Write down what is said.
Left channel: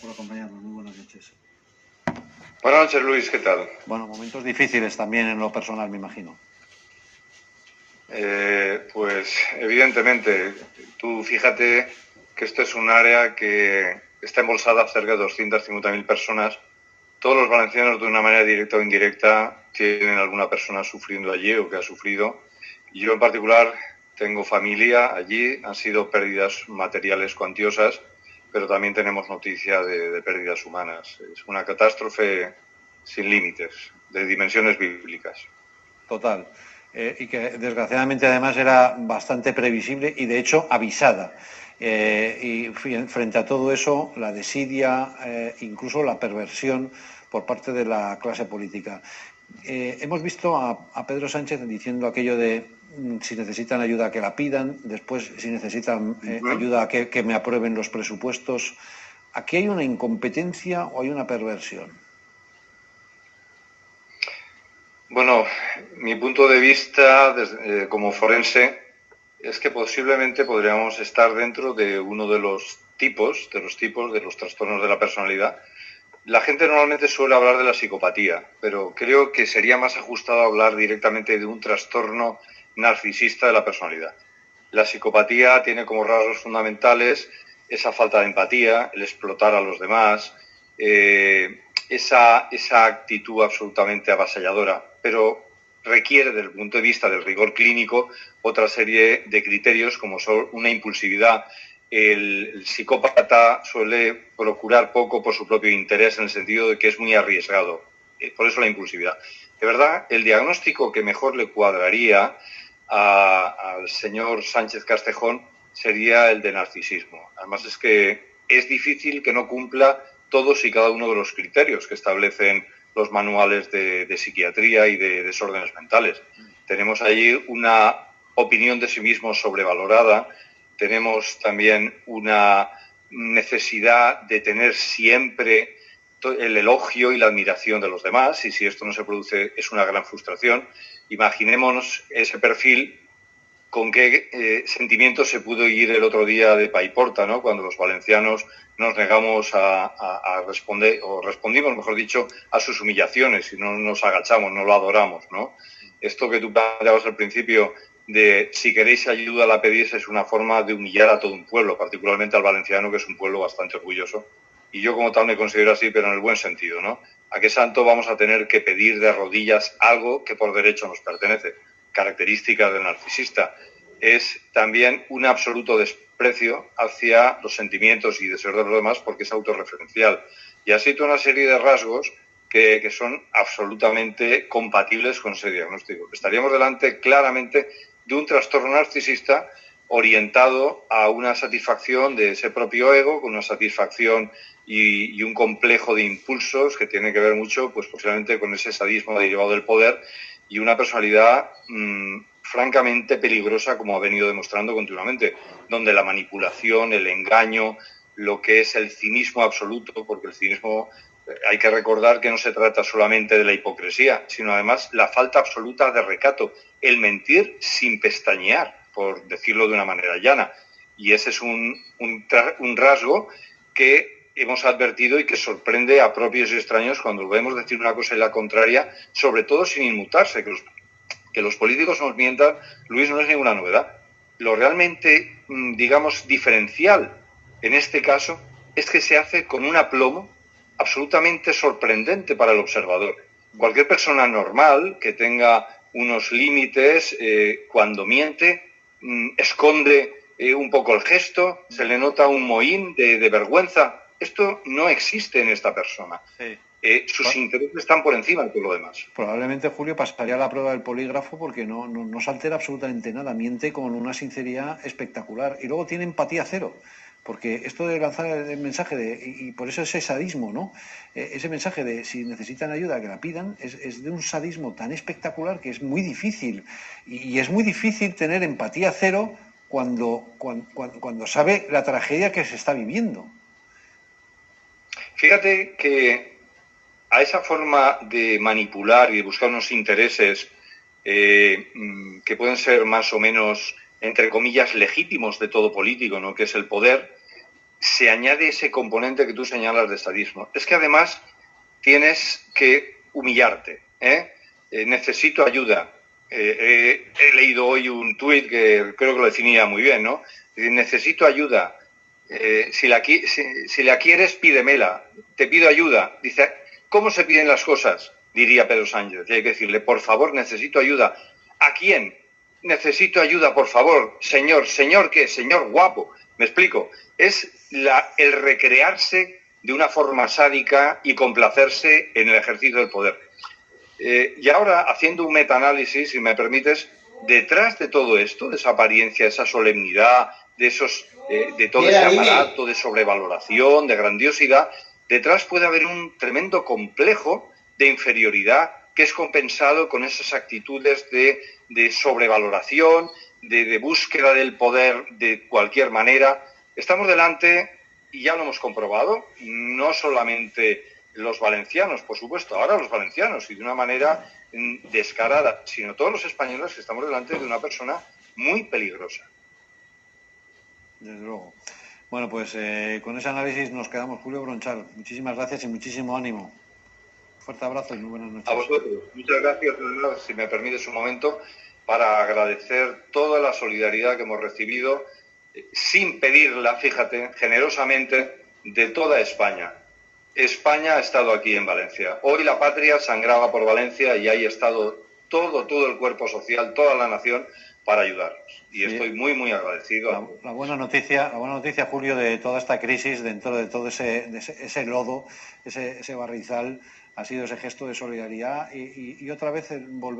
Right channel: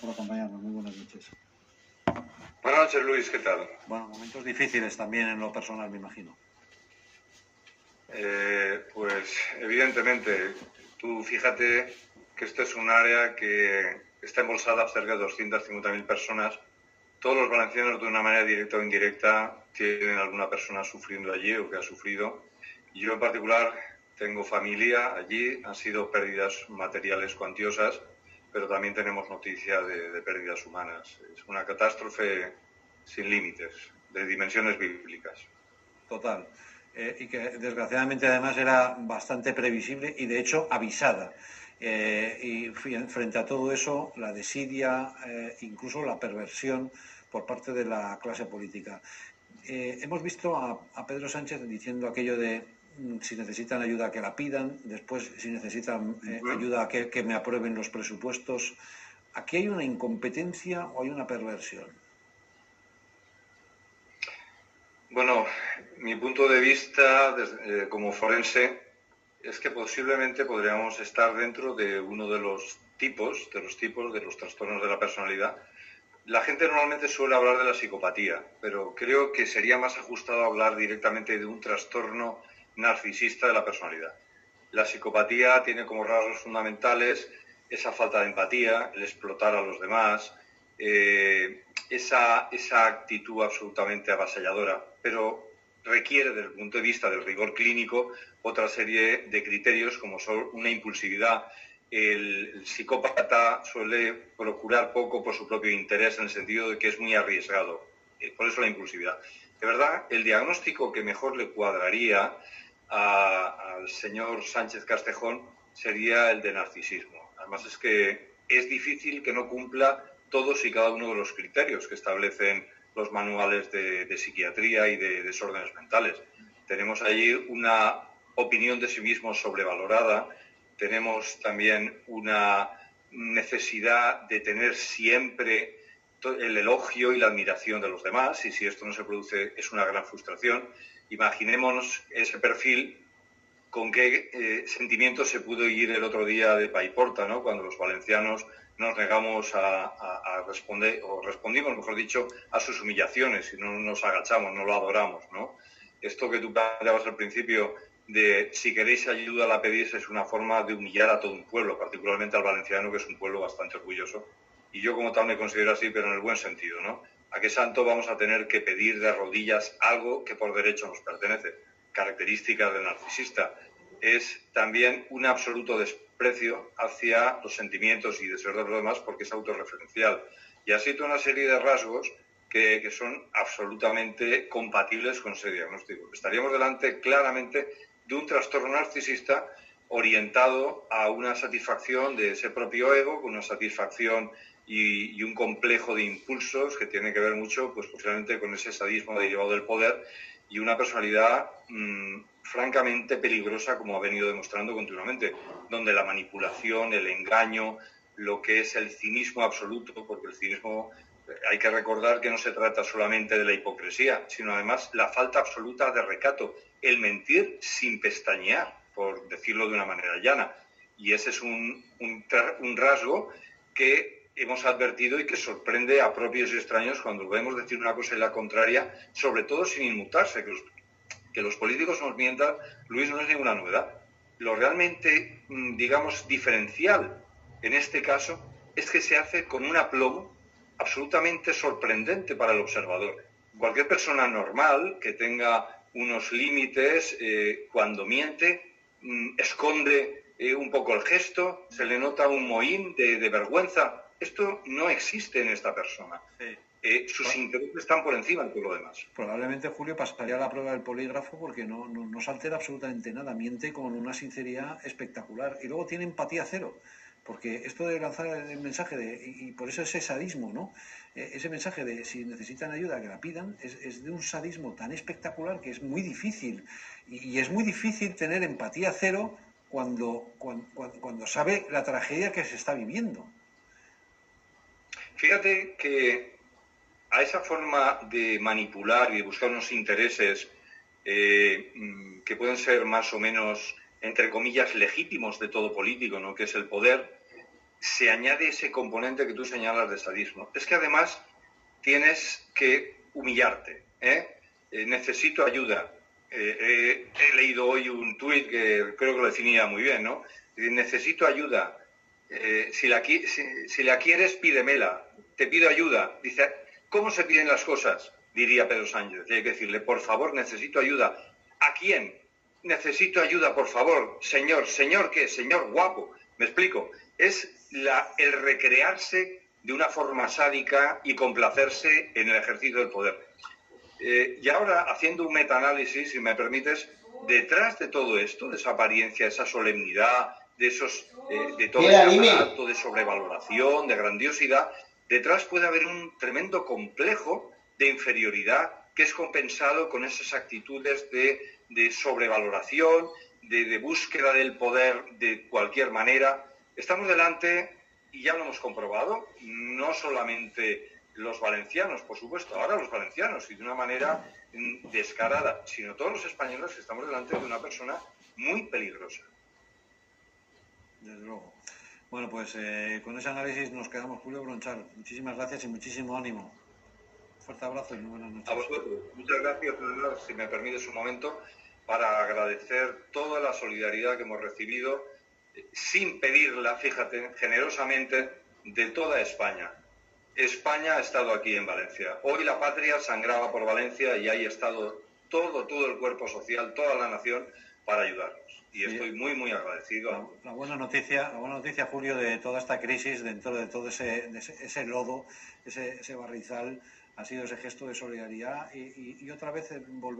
por acompañarnos. Muy buenas noches. Buenas noches, Luis, ¿qué tal? Bueno, momentos difíciles también en lo personal, me imagino. Pues evidentemente, tú fíjate que esto es un área que está embolsada a cerca de 250.000 personas. Todos los valencianos, de una manera directa o indirecta, tienen alguna persona sufriendo allí o que ha sufrido. Y yo en particular tengo familia allí, han sido pérdidas materiales cuantiosas, pero también tenemos noticia de pérdidas humanas. Es una catástrofe sin límites, de dimensiones bíblicas. Total. Y que desgraciadamente además era bastante previsible y de hecho avisada. Y frente a todo eso, la desidia, incluso la perversión por parte de la clase política. Hemos visto a Pedro Sánchez diciendo aquello de si necesitan ayuda que la pidan, después si necesitan ayuda que me aprueben los presupuestos. ¿Aquí hay una incompetencia o hay una perversión? Bueno, mi punto de vista como forense es que posiblemente podríamos estar dentro de uno de los tipos de los trastornos de la personalidad. La gente normalmente suele hablar de la psicopatía, pero creo que sería más ajustado hablar directamente de un trastorno narcisista de la personalidad. La psicopatía tiene como rasgos fundamentales esa falta de empatía, el explotar a los demás, esa actitud absolutamente avasalladora, pero requiere, desde el punto de vista del rigor clínico, otra serie de criterios como son una impulsividad. El psicópata suele procurar poco por su propio interés, en el sentido de que es muy arriesgado. Por eso la impulsividad. De verdad, el diagnóstico que mejor le cuadraría al señor Sánchez Castejón sería el de narcisismo. Además es que es difícil que no cumpla todos y cada uno de los criterios que establecen los manuales de psiquiatría y de desórdenes mentales. Tenemos allí una opinión de sí mismo sobrevalorada, tenemos también una necesidad de tener siempre el elogio y la admiración de los demás, y si esto no se produce es una gran frustración. Imaginémonos ese perfil, con qué sentimientos se pudo ir el otro día de Paiporta, ¿no? Cuando los valencianos nos negamos a responder, o respondimos, mejor dicho, a sus humillaciones y no nos agachamos, no lo adoramos, ¿no? Esto que tú planteabas al principio de si queréis ayuda la pedís es una forma de humillar a todo un pueblo, particularmente al valenciano, que es un pueblo bastante orgulloso. Y yo como tal me considero así, pero en el buen sentido, ¿no? ¿A qué santo vamos a tener que pedir de rodillas algo que por derecho nos pertenece? Característica del narcisista. Es también un absoluto desprecio hacia los sentimientos y deseos de los demás, porque es autorreferencial. Y así toda una serie de rasgos que son absolutamente compatibles con ese diagnóstico. Estaríamos delante claramente de un trastorno narcisista orientado a una satisfacción de ese propio ego, con una satisfacción y un complejo de impulsos que tiene que ver mucho, pues posiblemente con ese sadismo derivado del poder, y una personalidad francamente peligrosa, como ha venido demostrando continuamente, donde la manipulación, el engaño, lo que es el cinismo absoluto, porque el cinismo, hay que recordar que no se trata solamente de la hipocresía, sino además la falta absoluta de recato, el mentir sin pestañear, por decirlo de una manera llana. Y ese es un rasgo que hemos advertido y que sorprende a propios y extraños cuando vemos decir una cosa y la contraria, sobre todo sin inmutarse. Que los políticos nos mientan, Luis, no es ninguna novedad. Lo realmente, digamos, diferencial en este caso es que se hace con un aplomo absolutamente sorprendente para el observador. Cualquier persona normal que tenga unos límites, cuando miente, esconde un poco el gesto, se le nota un mohín de vergüenza. Esto no existe en esta persona. Sí. Sus intereses están por encima de todo lo demás. Probablemente Julio pasaría la prueba del polígrafo porque no se altera absolutamente nada, miente con una sinceridad espectacular y luego tiene empatía cero, porque esto de lanzar el mensaje y por eso ese sadismo, ¿no? Ese mensaje de si necesitan ayuda que la pidan es de un sadismo tan espectacular que es muy difícil y es muy difícil tener empatía cero cuando sabe la tragedia que se está viviendo. Fíjate que a esa forma de manipular y de buscar unos intereses que pueden ser más o menos, entre comillas, legítimos de todo político, ¿no? Que es el poder, se añade ese componente que tú señalas de sadismo. Es que además tienes que humillarte, necesito ayuda. He leído hoy un tuit que creo que lo definía muy bien, ¿no? Necesito ayuda. Si la quieres, pídemela. Te pido ayuda. Dice, ¿cómo se piden las cosas? Diría Pedro Sánchez. Y hay que decirle, por favor, necesito ayuda. ¿A quién? Necesito ayuda, por favor. Señor, ¿señor qué? Señor guapo. ¿Me explico? Es el recrearse de una forma sádica y complacerse en el ejercicio del poder. Y ahora, haciendo un metaanálisis, si me permites, detrás de todo esto, de esa apariencia, esa solemnidad, de todo ese aparato de sobrevaloración, de grandiosidad, detrás puede haber un tremendo complejo de inferioridad que es compensado con esas actitudes de sobrevaloración, de búsqueda del poder de cualquier manera. Estamos delante, y ya lo hemos comprobado, no solamente los valencianos, por supuesto, ahora los valencianos, y de una manera descarada, sino todos los españoles, que estamos delante de una persona muy peligrosa. Desde luego. Bueno, pues con ese análisis nos quedamos, Julio Bronchal. Muchísimas gracias y muchísimo ánimo. Fuerte abrazo y muy buenas noches. A vosotros. Muchas gracias, si me permites un momento, para agradecer toda la solidaridad que hemos recibido, sin pedirla, fíjate, generosamente, de toda España. España ha estado aquí en Valencia. Hoy la patria sangraba por Valencia y ahí ha estado todo el cuerpo social, toda la nación, para ayudarnos. Y sí, estoy muy, muy agradecido. La buena noticia, Julio, de toda esta crisis, dentro de todo ese lodo, ese barrizal, ha sido ese gesto de solidaridad y otra vez volver